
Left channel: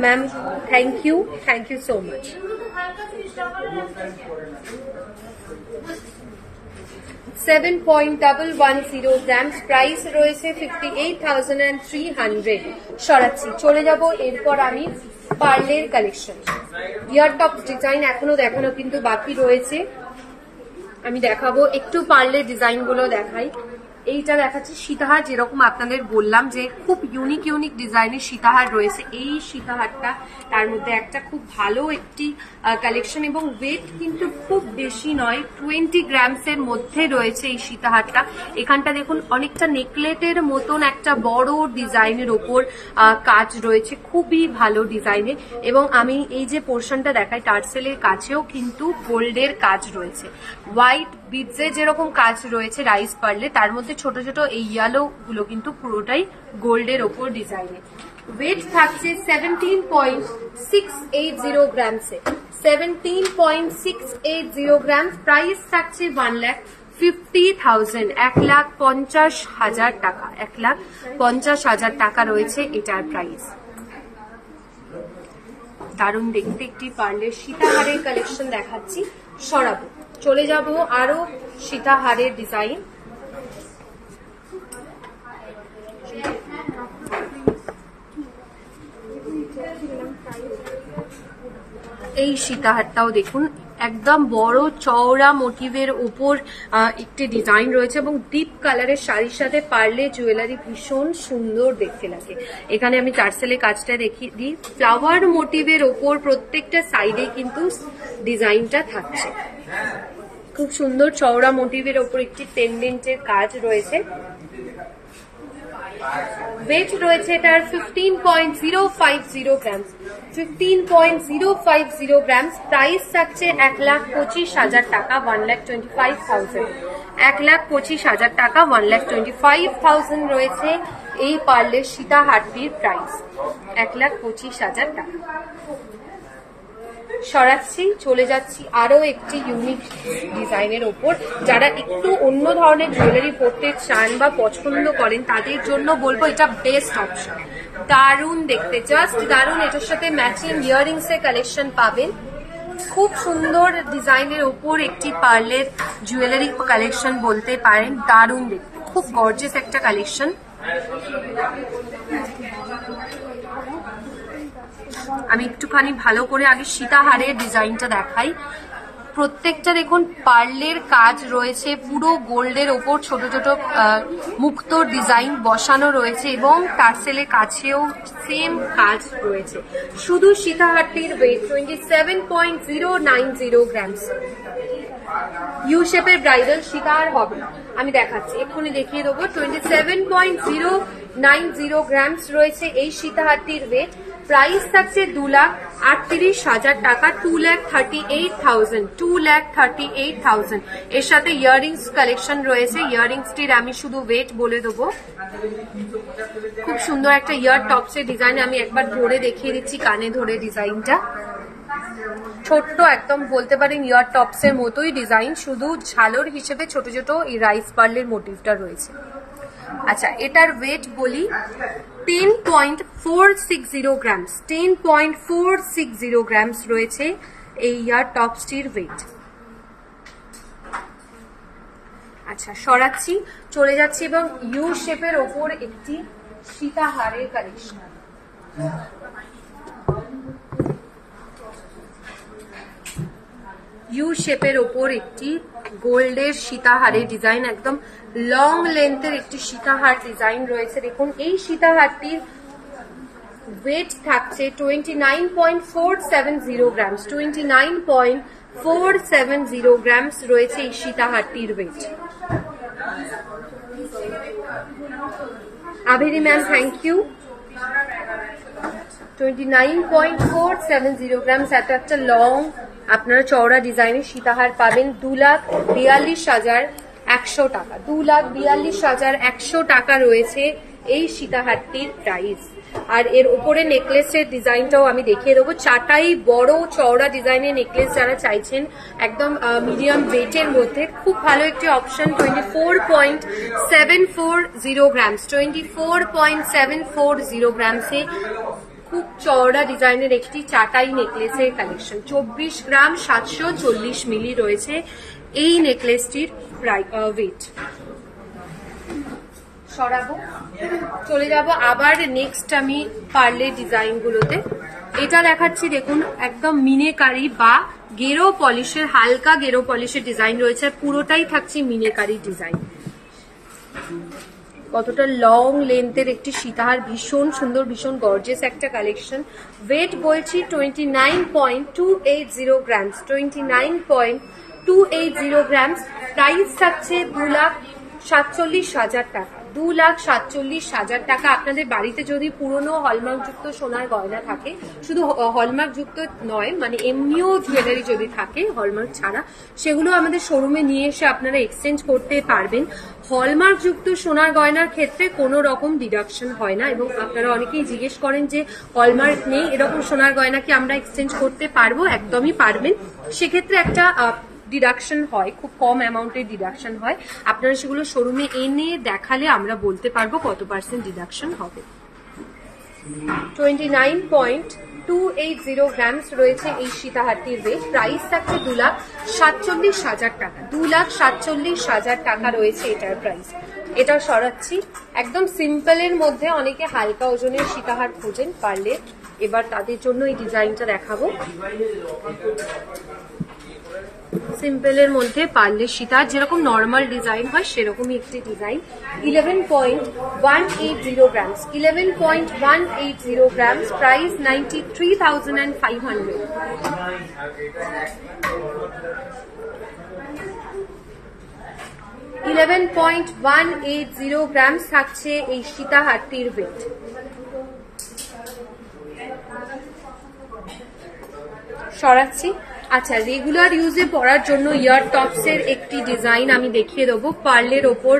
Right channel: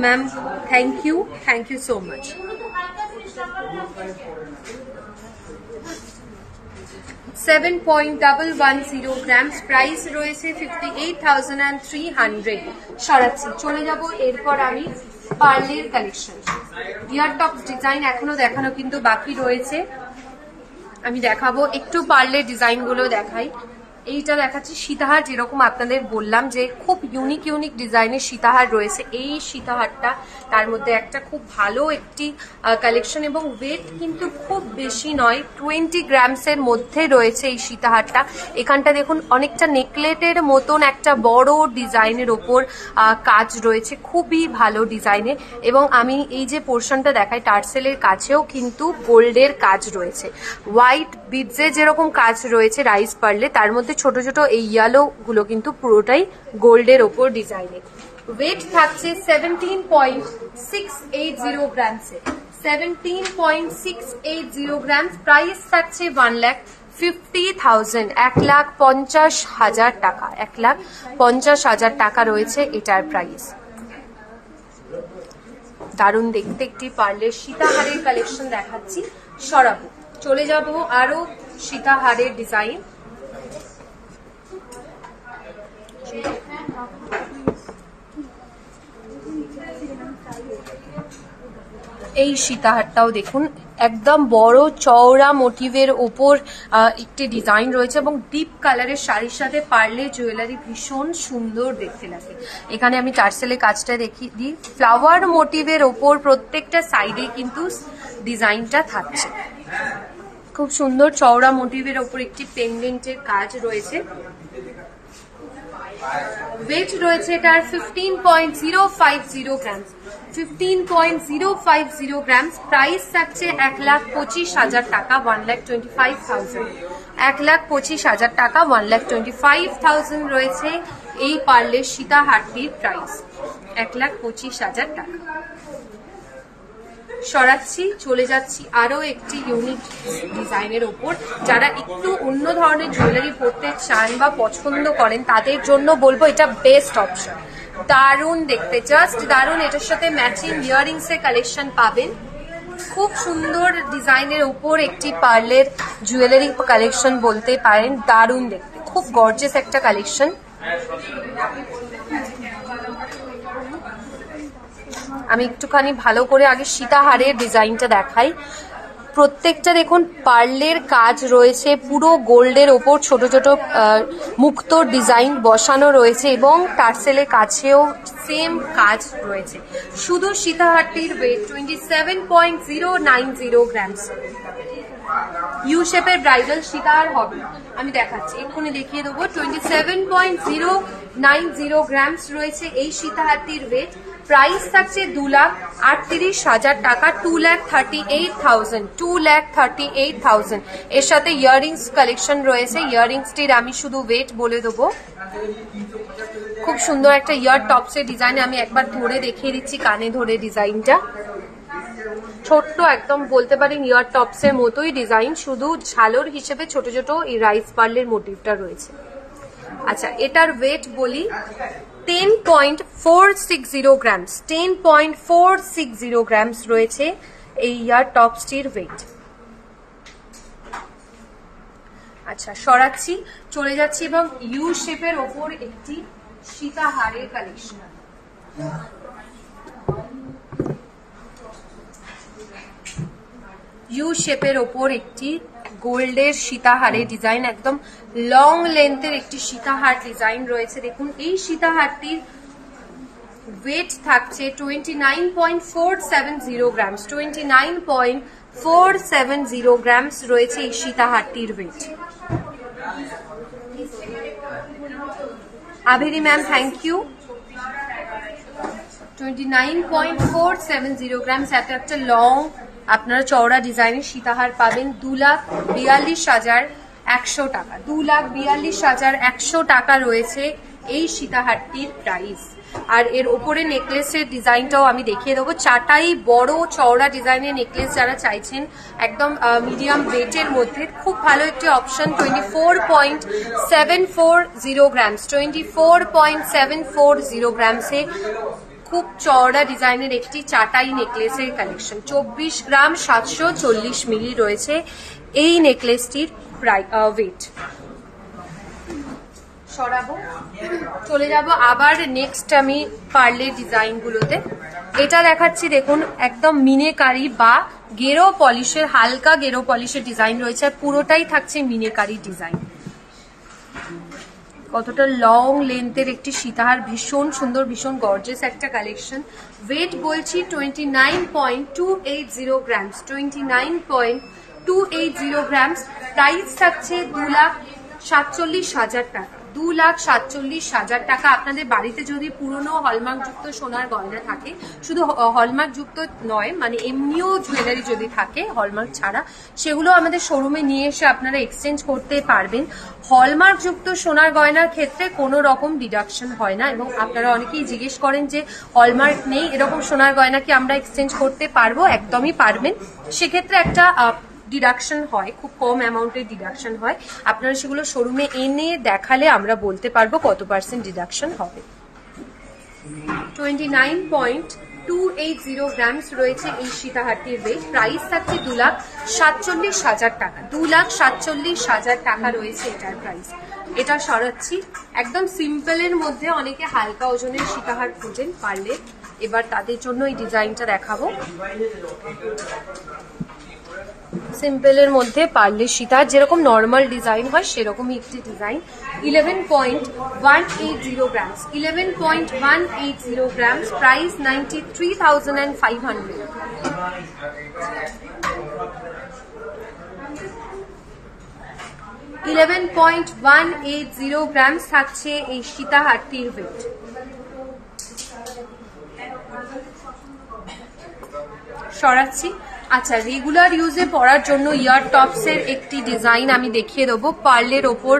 Ma'am thank you so much. 7.110 grams, price রয়েছে 58,300। সরাচ্ছি, চলে যাব এরপর আমি পার্লের কালেকশন। ইয়ার টপ ডিজাইন এখনো দেখানো কিন্তু বাকি রয়েছে, আমি দেখাবো। একটু পার্লের ডিজাইন গুলো দেখাই। এইটা দেখাচ্ছি সীতাহার, যেরকম আপনাদের বললাম যে খুব ইউনিক ডিজাইনের সীতাহার রয়েছে। এই সীতাহারটা তার মধ্যে একটা খুব ভালো একটি কালেকশন এবং ওয়েট কিন্তু খুব বেশি নয়, 20 গ্রামসের মধ্যে রয়েছে এই সীতাহারটা। এখানটা দেখুন অনেকটা নেকলেটের মতন একটা বড় ডিজাইনের ওপর কাজ রয়েছে, খুবই ভালো ডিজাইনের। এবং আমি এই যে পোর্শনটা দেখাই টার্সেলের কাছেও কিন্তু গোল্ডের কাজ রয়েছে, হোয়াইট বিডসের যেরকম কাজ রয়েছে রাইস পার্লে, তার মধ্যে ছোট ছোট এই ইয়েলো গুলো কিন্তু পুরোটাই গোল্ডের ওপর ডিজাইনের। ওয়েট থাকছে 17.680 গ্রামসে, 17.680 গ্রাম। প্রাইস থাকছে 1,50,000, 1,50,000 টাকা, 1,50,000 টাকা রয়েছে এটার প্রাইস। দারুণ দেখতে একটি পার্লের সীতাহারের কালেকশন দেখাচ্ছি, সরাবো। চলে যাব আরো সীতাহারের ডিজাইন। এই সীতাহারটাও দেখুন একদম বড় চওড়া মোটিভের উপর একটি ডিজাইন রয়েছে এবং ডিপ কালারের শাড়ির সাথে পার্লে জুয়েলারি ভীষণ সুন্দর দেখতে লাগে। এখানে আমি টার্সেলের কাজটা দেখিয়ে দিই। ফ্লাওয়ার মোটিভের ওপর প্রত্যেকটা সাইডে কিন্তু ডিজাইনটা থাকছে, খুব সুন্দর চওড়া মোটিভের ওপর একটি পেন্ডেন্টের কাজ রয়েছে। ওয়েট রয়েছে এটার 15.050 গ্রাম, 15.050 গ্রাম। প্রাইস থাকছে 1,25,000 টাকা, 1,25,000, 1,25,000 টাকা, 1,25,000 রয়েছে এই পার্লের সীতাহারটির প্রাইস, 1,25,000 টাকা। সরাচ্ছি, চলে যাচ্ছি আরো একটি ইউনিক ডিজাইনের ওপর। যারা একটু অন্য ধরনের জুয়েলারি পরতে চান বা পছন্দ করেন তাদের জন্য বলবো এটা বেস্ট অপশন। দারুণ দেখতে, জাস্ট দারুণ। এটার সাথে ম্যাচিং ইয়াররিংস এর কালেকশন পাবেন। খুব সুন্দর ডিজাইনের উপর একটি পার্লের জুয়েলারি কালেকশন বলতে পারেন, দারুণ দেখতে, খুব গর্জিয়াস একটা কালেকশন। আমি একটুখানি ভালো করে আগে সীতাহারের ডিজাইনটা দেখাই। প্রত্যেকটা দেখুন পার্লের কাজ রয়েছে, পুরো গোল্ডের ওপর ছোট ছোট মুক্ত ডিজাইন বসানো রয়েছে এবং টার্সেলের কাছেও সেম কাজ রয়েছে। শুধু সীতাহারটির ওয়েট 27.090 গ্রামস। ইউ শেপের ব্রাইডাল সীতাহার হবে, আমি দেখাচ্ছি, এক্ষুনি দেখিয়ে দেবো। 27.090 গ্রামস রয়েছে এই সীতাহারটির ওয়েট। প্রাইস থাকছে 2,38,000 টাকা, 2,38,000, 2,38,000। এর সাথে ইয়াররিংস কালেকশন রয়েছে। ইয়াররিংসটির আমি শুধু ওয়েট বলে দেবো। খুব সুন্দর একটা ইয়ার টপসের ডিজাইন, আমি একবার ধরে দেখিয়ে দিচ্ছি, কানে ধরে ডিজাইনটা ছোট্ট একদম বলতে পারেন ইয়ার টপসের মতোই ডিজাইন, শুধু ঝালর হিসেবে ছোট ছোট এই রাইস পার্লের মোটিভটা রয়েছে। আচ্ছা, এটার ওয়েট বলি 10.460 গ্রামস, 10.460 গ্রামস রয়েছে এই ইয়ার টপসটির ওয়েট। আচ্ছা, সরাচ্ছি, চলে যাচ্ছি এবং ইউ শেপের ওপর একটি সীতাহারের কালেকশন। ইউ শেপের ওপর একটি গোল্ডের সীতাহারের ডিজাইন, একদম লং লেন্থের একটি সীতাহার ডিজাইন রয়েছে। দেখুন এই সীতাহারটির ওয়েট থাকছে 29.470 গ্রামস। 29.470 গ্রামস রয়েছে এই সীতাহারটির weight. Abhiri ma'am, thank you. 29.470 grams. একটা লং আপনারা চওড়া ডিজাইনের সীতাহার পাবেন 2,42,100 টাকা। 2,42,100 টাকা রয়েছে এই সীতাহারটির প্রাইস। আর এর উপরে নেকলেসের ডিজাইনটাও আমি দেখিয়ে দেবো। চাটাই বড় চওড়া ডিজাইনের নেকলেস যারা চাইছেন একদম মিডিয়াম ওয়েটের মধ্যে, খুব ভালো একটি অপশন। 24.740 গ্রামস। 24.740 গ্রামসে খুব চওড়া ডিজাইনের একটি চাটাই নেকলেসের কালেকশন। 24 গ্রাম 740 মিলি রয়েছে এই নেকলেসটির ওয়েট। সরাবো, চলে যাব আবার নেক্সট আমি পার্লের ডিজাইন গুলোতে। এটা দেখাচ্ছি, দেখুন একদম মিনেকারি বা গেরো পলিশের, হালকা গেরো পলিশের ডিজাইন রয়েছে আর পুরোটাই থাকছে মিনেকারি ডিজাইন। কতটা লং লেন্থের একটি সীতাহার, ভীষণ সুন্দর, ভীষণ গর্জিয়াস একটা কালেকশন। ওয়েট বলছি 29.280 গ্রামস। 29.280 গ্রামস। প্রাইস থাকছে 2,47,000 টাকা। 2,47,000 টাকা। আপনাদের বাড়িতে যদি পুরনো হলমার্কযুক্ত সোনার গয়না থাকে, শুধু হলমার্কযুক্ত নয়, মানে এমনিও জুয়েলারি যদি থাকে হলমার্ক ছাড়া, সেগুলো আমাদের শোরুমে নিয়ে এসে আপনারা এক্সচেঞ্জ করতে পারবেন। হলমার্কযুক্ত সোনার গয়নার ক্ষেত্রে কোনো রকম ডিডাকশন হয় না, এবং আপনারা অনেকেই জিজ্ঞেস করেন যে হলমার্ক নেই এরকম সোনার গয়না কি আমরা এক্সচেঞ্জ করতে পারবো? একদমই পারবেন। সেক্ষেত্রে একটা ডিডাকশন হয়, খুব কম অ্যামাউন্টের ডিডাকশন হয়। আপনারা সেগুলো শোরুমে এনে দেখালে আমরা বলতে পারবো কত পার্সেন্ট ডিডাকশন হবে। 29.280 গ্রামস রয়েছে এই সীতাহারটির ওয়েট। প্রাইস থাকছে 2,47,000 টাকা। 2,47,000 টাকা রয়েছে এটার প্রাইস। এটা সরাচ্ছি। একদম সিম্পলের মধ্যে অনেকে হালকা ওজনের সীতাহার খোঁজেন পারলে, এবার তাদের জন্য এই ডিজাইনটা দেখাবো। সিম্পলের মধ্যে পার্লের সীতাহার যেরকম নর্মাল ডিজাইন হয় সেরকমই একটি design. 11.180 grams. 11.180 grams. Price 93,500। 11.180 grams থাকছে এই সীতাহারটির ওয়েট। সরাচ্ছি। আচ্ছা, রেগুলার ইউজে পরার জন্য ইয়ার টপস এর একটি ডিজাইন আমি দেখিয়ে দেবো। পার্লের ওপর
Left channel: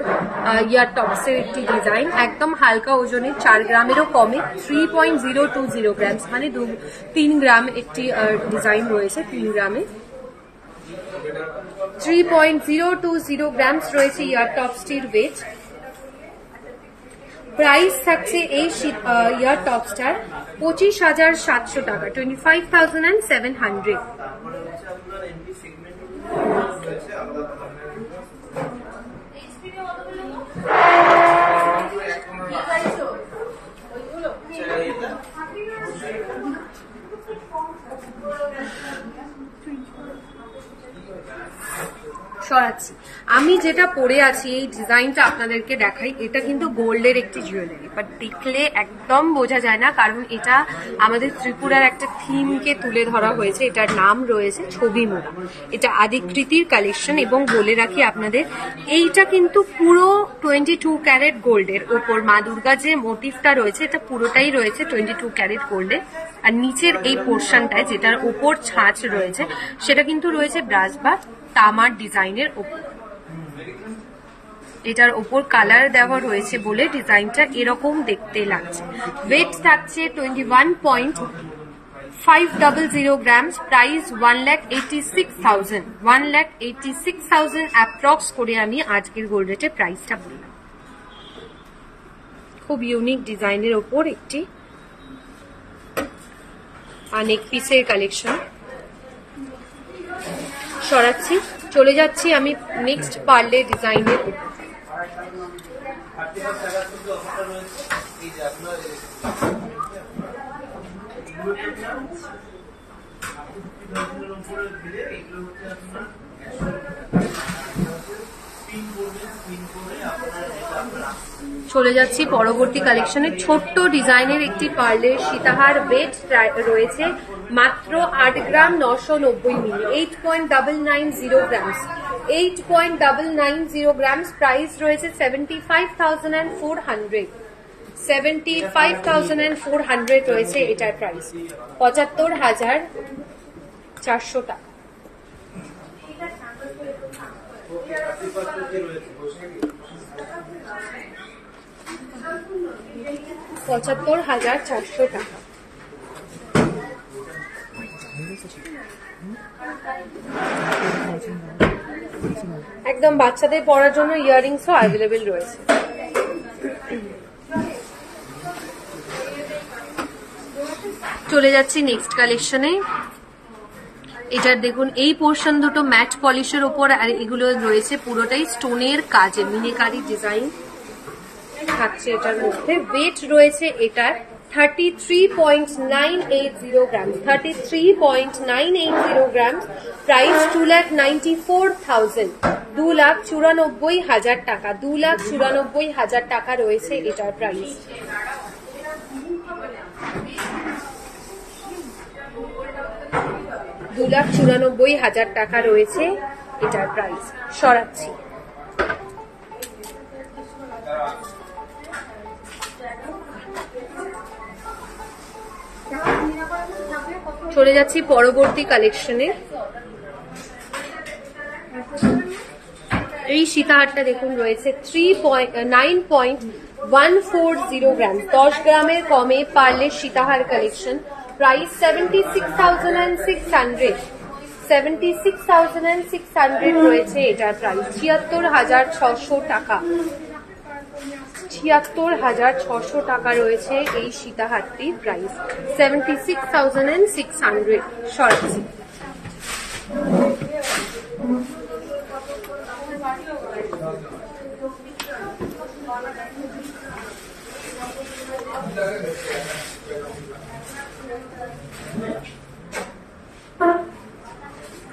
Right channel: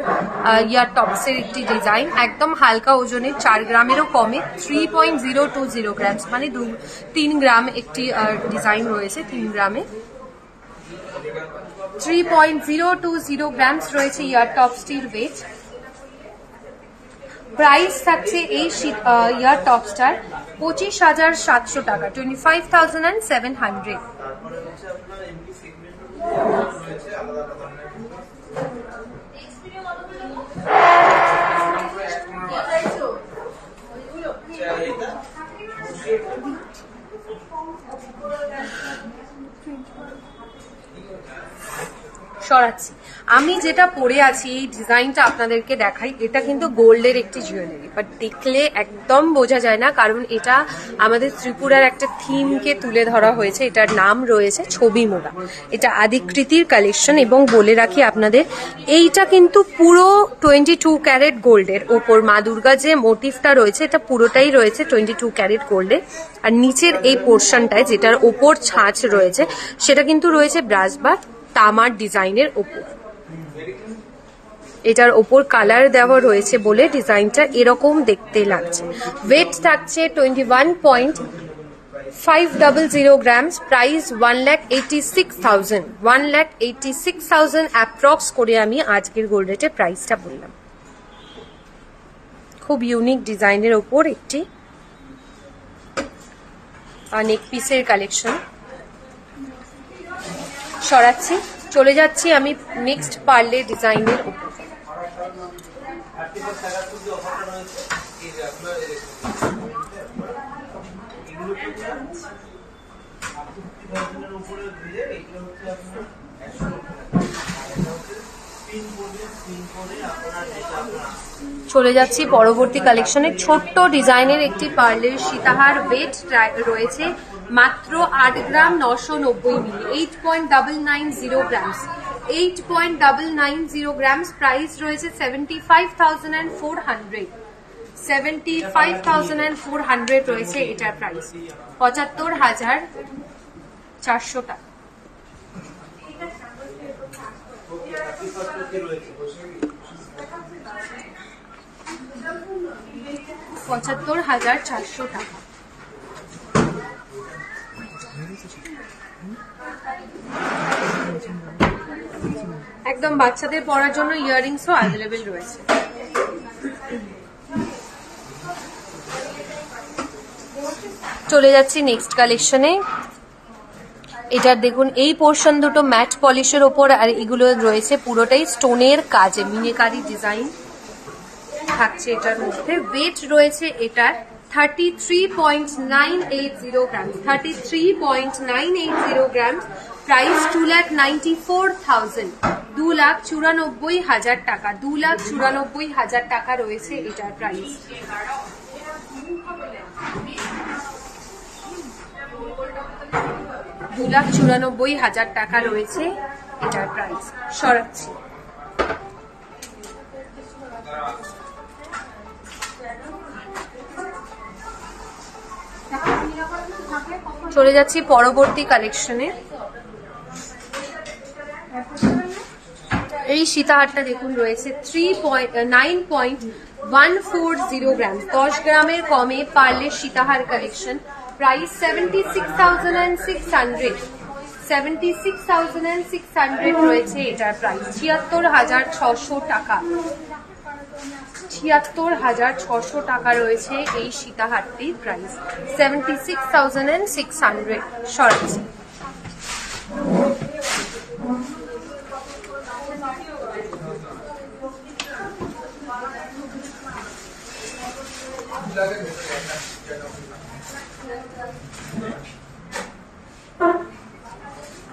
ইয়ার টপস এর একটি ডিজাইন, একদম হালকা ওজনে, 4 গ্রামেরও কমে। 3.020 গ্রামস, মানে 3 গ্রাম একটি ডিজাইন রয়েছে। 3 গ্রামে 3.020 গ্রামস রয়েছে ইয়ার টপসটির ওয়েট। প্রাইস থাকছে এই ইয়ার টপসটার 25,700 টাকা। 25,700। সরাচ্ছি। আমি যেটা পরে আছি এই ডিজাইনটা আপনাদেরকে দেখাই। এটা কিন্তু গোল্ডের একটি জুয়েলারি, বাট দেখলে একদম বোঝা যায় না, কারণ এটা আমাদের ত্রিপুরার একটা থিমকে তুলে ধরা হয়েছে। এটার নাম রয়েছে ছবি মোড়া। এটা আদিকৃতির কালেকশন, এবং বলে রাখি আপনাদের এইটা কিন্তু পুরো 22 ক্যারেট গোল্ডের ওপর মা দুর্গা যে মোটিভটা রয়েছে এটা পুরোটাই রয়েছে 22 ক্যারেট গোল্ডের। আর নিচের এই পোর্শনটায় যেটার ওপর ছাঁচ রয়েছে সেটা কিন্তু রয়েছে ব্রাশ বা তামার ডিজাইনের ওপর। এটার ওপর কালার দেওয়া রয়েছে বলে ডিজাইনটা এরকম দেখতে লাগছে। ওয়েট থাকছে 21.500 গ্রামস। প্রাইস 1,86,000। 1,86,000 অ্যাপ্রক্স করে আমি আজকের গোল্ড রেটে প্রাইসটা বললাম। খুব ইউনিক ডিজাইনের ওপর একটি নেক পিসের কালেকশন। সরাচ্ছি, চলে যাচ্ছি আমি নেক্সট পার্লে ডিজাইনের উপর। চলে যাচ্ছি পরবর্তী কালেকশনে। ছোট্ট ডিজাইনের একটি পার্লের সীতাহার, ওয়েট রয়েছে মাত্র 8 গ্রাম 990 মিলি, 8.990 গ্রামস, 8.990 গ্রামস। প্রাইস রয়েছে 75,400, 75,400 রয়েছে এটার প্রাইস, 75,400 টাকা। $75,400 টাকা। একদম বাচ্চাদের পরার জন্য ইয়াররিংসও অ্যাভেলেবেল রয়েছে। চলে যাচ্ছি নেক্সট কালেকশনে। এটার দেখুন এই পোর্শন দুটো ম্যাট পলিশের ওপর, আর এগুলো রয়েছে পুরোটাই স্টোনের কাজে, মিনেকারি ডিজাইন থাকছে এটার মধ্যে। ওয়েট রয়েছে এটার 33.980 গ্রাম, 33.980 গ্রাম। প্রাইস 2,94,000, 2,94,000 টাকা, 2,94,000 টাকা রয়েছে এটার প্রাইস। $2,94,000 টাকা রয়েছে এটার প্রাইস। সরাচ্ছি। চলে যাচ্ছি পরবর্তী কালেকশনে। এই সীতাহারটা দেখুন রয়েছে 9.140 গ্রাম, 10 গ্রামের কমে পার্লের সীতাহার কালেকশন। প্রাইস 76,600, 76,600 রয়েছে এটার প্রাইস। 76,600 টাকা, 76,600 টাকা রয়েছে এই সীতাহারটির প্রাইস, 76,600। সরাচ্ছি।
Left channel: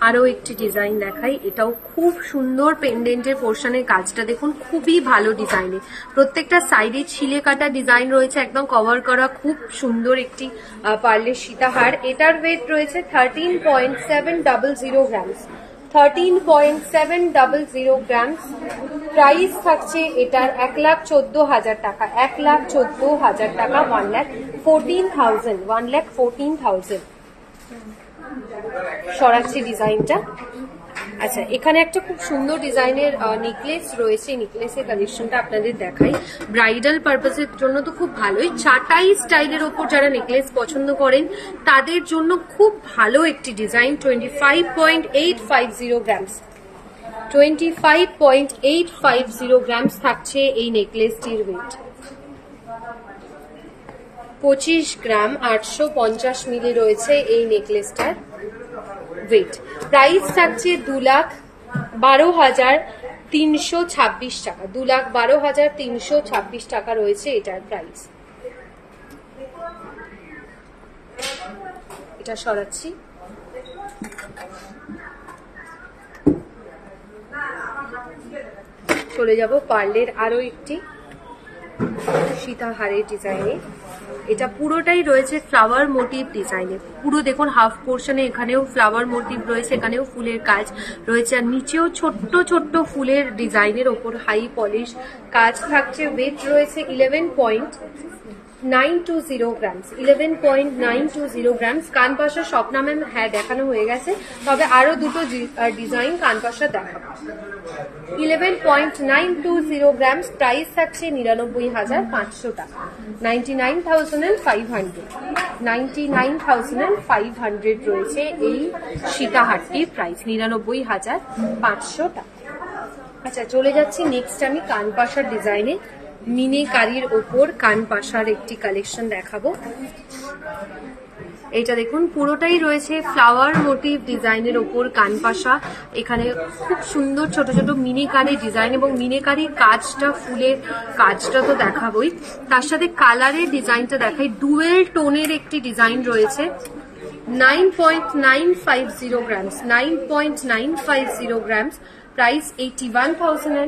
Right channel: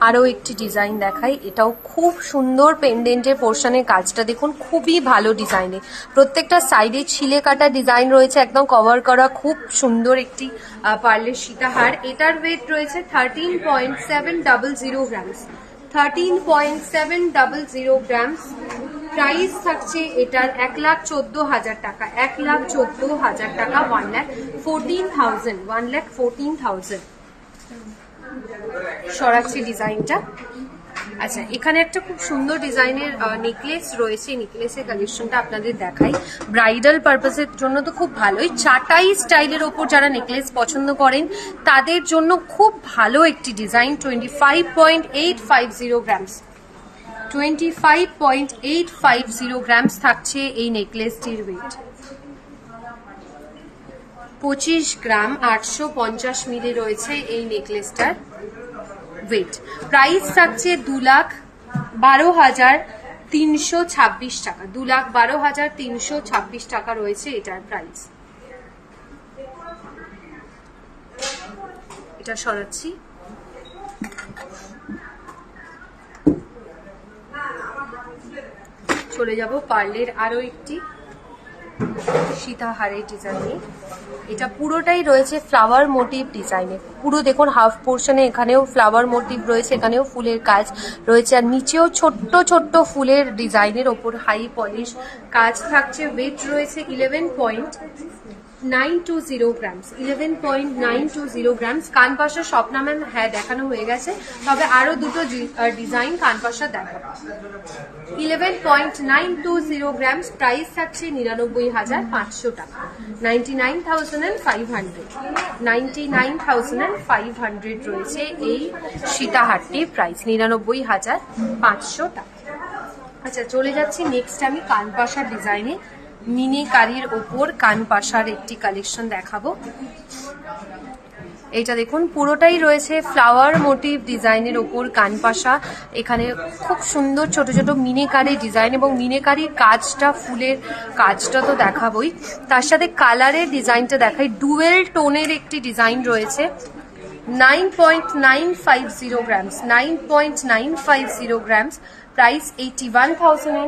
আরো একটি ডিজাইন দেখাই। এটাও খুব সুন্দর পেন্ডেন্টের পোর্শনের কাজটা দেখুন, খুবই ভালো ডিজাইনে। প্রত্যেকটা সাইডে ছিলে কাটা ডিজাইন রয়েছে, একদম কভার করা, খুব সুন্দর একটি পার্লের সীতাহার। এটার ওয়েট রয়েছে 13.700 গ্রাম, 13.700 গ্রাম। প্রাইস থাকছে এটার 1,14,000 টাকা, 1,14,000 টাকা, 1,14,000, 1,14,000। সরাচ্ছি ডিজাইনটা। আচ্ছা, এখানে একটা খুব সুন্দর ডিজাইনের নেকলেস রয়েছে। নেকলেসের কালেকশনটা আপনাদের দেখাই। ব্রাইডাল পারপাসের জন্য তো খুব ভালোই, চাটাই স্টাইলের ওপর যারা নেকলেস পছন্দ করেন তাদের জন্য খুব ভালো একটি ডিজাইন। 25.850 গ্রামস, 25.850 গ্রামস থাকছে এই নেকলেসটির ওয়েট। 25 গ্রাম 850 মিলি রয়েছে এই নেকলেসটার ওয়েট। প্রাইস থাকছে 2,12,326 টাকা, 2,12,326 টাকা রয়েছে এটার প্রাইস। এটা সরাচ্ছি। চলে যাব পার্লের আরো একটি সীতাহারের ডিজাইনে। এটা পুরোটাই রয়েছে ফ্লাওয়ার মোটিভ ডিজাইনে। পুরো দেখুন হাফ পোর্শনে এখানেও ফ্লাওয়ার মোটিভ রয়েছে, এখানেও ফুলের কাজ রয়েছে, আর নিচেও ছোট্ট ছোট্ট ফুলের ডিজাইনের ওপর হাই পলিশ কাজ থাকছে। ওয়েট রয়েছে 11.920 গ্রামস, 11.920 গ্রামস। কান পাশা স্বপ্নামান হ্যাঁ দেখানো হয়ে গেছে, তবে আরো দুটো ডিজাইন কান পাশা দেখাবো। 11.920 গ্রামস। প্রাইস থাকছে 99,500 টাকা, 99,500, 99,500 রয়েছে এই সীতাহারটির প্রাইস, 99,500 টাকা। আচ্ছা, চলে যাচ্ছি নেক্সট আমি কানপাশার ডিজাইনে। মিনেকারির ওপর কানপাশার একটি কালেকশন দেখাবো। এটা দেখুন পুরোটাই রয়েছে ফ্লাওয়ার মোটিভ ডিজাইনের ওপর কানপাশা। এখানে খুব সুন্দর ছোট ছোট মিনেকারি ডিজাইন, এবং মিনেকারির কাজটা, ফুলের কাজটা তো দেখাবোই, তার সাথে কালারের ডিজাইনটা দেখাই। ডুয়েল টোনের একটি ডিজাইন রয়েছে। 9.950 গ্রামস, 9.950 গ্রামস। প্রাইস 81,800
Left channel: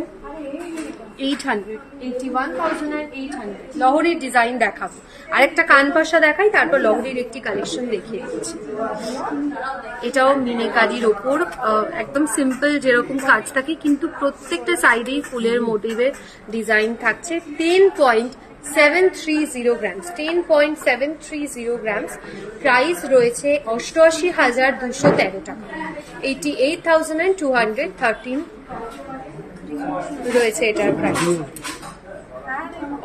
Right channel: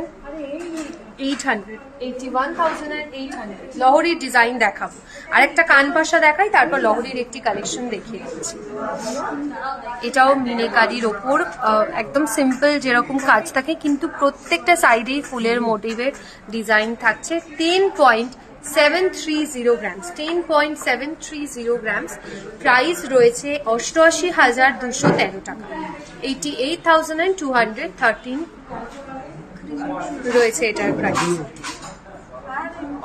লহরির ডিজাইন দেখাবো, আরেকটা কানপাশা দেখাই, তারপর লহরির একটি কালেকশন দেখিয়ে দিচ্ছি। এটাও মিনিকারির ওপর একদম সিম্পল যেরকম কাজ থাকে, কিন্তু প্রত্যেকটা সাইডেই ফুলের মোটিভের ডিজাইন থাকছে। 10.730 গ্রামস, 10.730 গ্রামস। প্রাইস রয়েছে 88,213 টাকা, 88,213 রয়েছে এটার প্রাইস,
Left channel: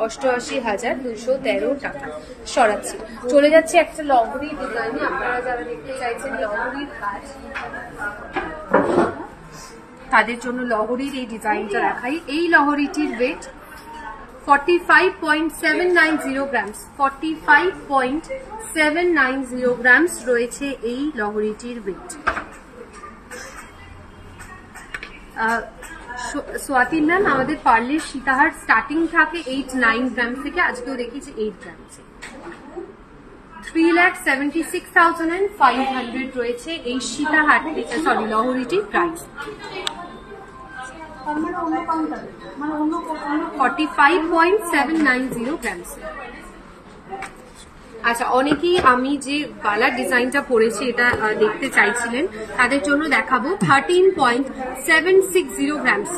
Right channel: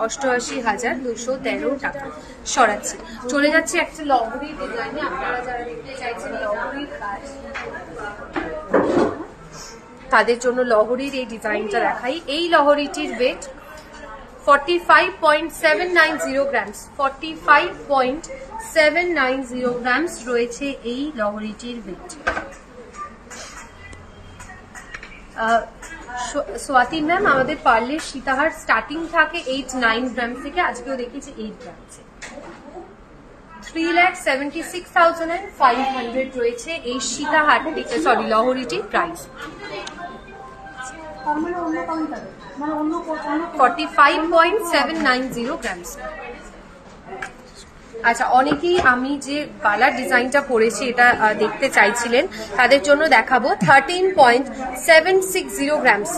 88,213 টাকা। সরাচ্ছি, চলে যাচ্ছে একটা লহরির ডিজাইনে। আপনারা যারা দেখতে চাইছেন লহরির কাজ, তাদের জন্য লহরির এই ডিজাইনটা দেখাই। এই লহরিটির ওয়েট 45.790 গ্রামস, 45.790 গ্রামস রয়েছে এই লহরিটির ওয়েট। স্বাতি ম্যাম, আমাদের পার্লের সীতাহার স্টার্টিং থাকে 8-9 গ্রাম থেকে, আজকেও দেখিয়েছি 8 গ্রামসে। 3,76,500 রয়েছে এই সীতাহার, সরি লহরিটির প্রাইস। 45.790 গ্রামস। আচ্ছা, অনেকেই আমি যে বালার ডিজাইনটা পরেছি এটা দেখতে চাইছিলেন, তাদের জন্য দেখাবো 13.760 গ্রামস,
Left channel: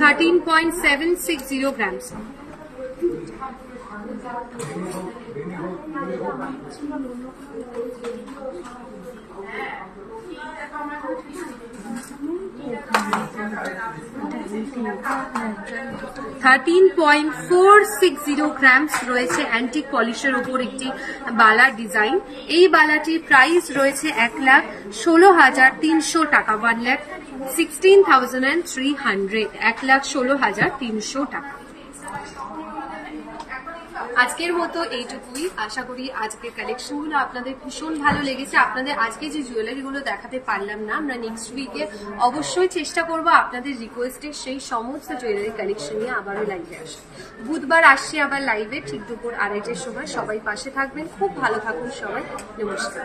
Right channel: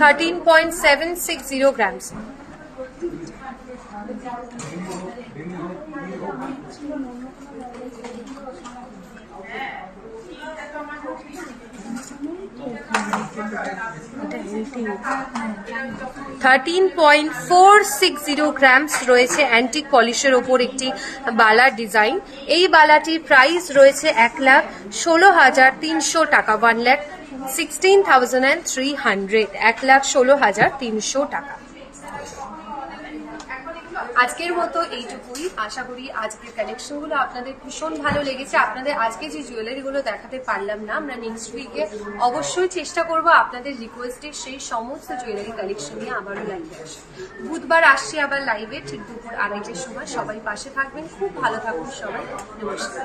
13.760 গ্রামস। $13.460 গ্রামস রয়েছে অ্যান্টিক পলিশের ওপর একটি বালার ডিজাইন। এই বালাটির প্রাইস রয়েছে 1,16,300 টাকা, 1,16,300, 1,16,300 টাকা। আজকের মতো এইটুকুই। আশা করি আজকের কালেকশনগুলো আপনাদের ভীষণ ভালো লেগেছে। আপনাদের আজকে যে জুয়েলারিগুলো দেখাতে পারলাম না, আমরা নেক্সট উইকে অবশ্যই চেষ্টা করব আপনাদের রিকোয়েস্টে সেই সমস্ত জুয়েলারি কালেকশন নিয়ে আবারও লাইভে আসি। বুধবার আসছি আবার লাইভে, ঠিক দুপুর 2:30টার সময়। সবাই পাশে থাকবেন, খুব ভালো থাকুন সবাই। নমস্কার।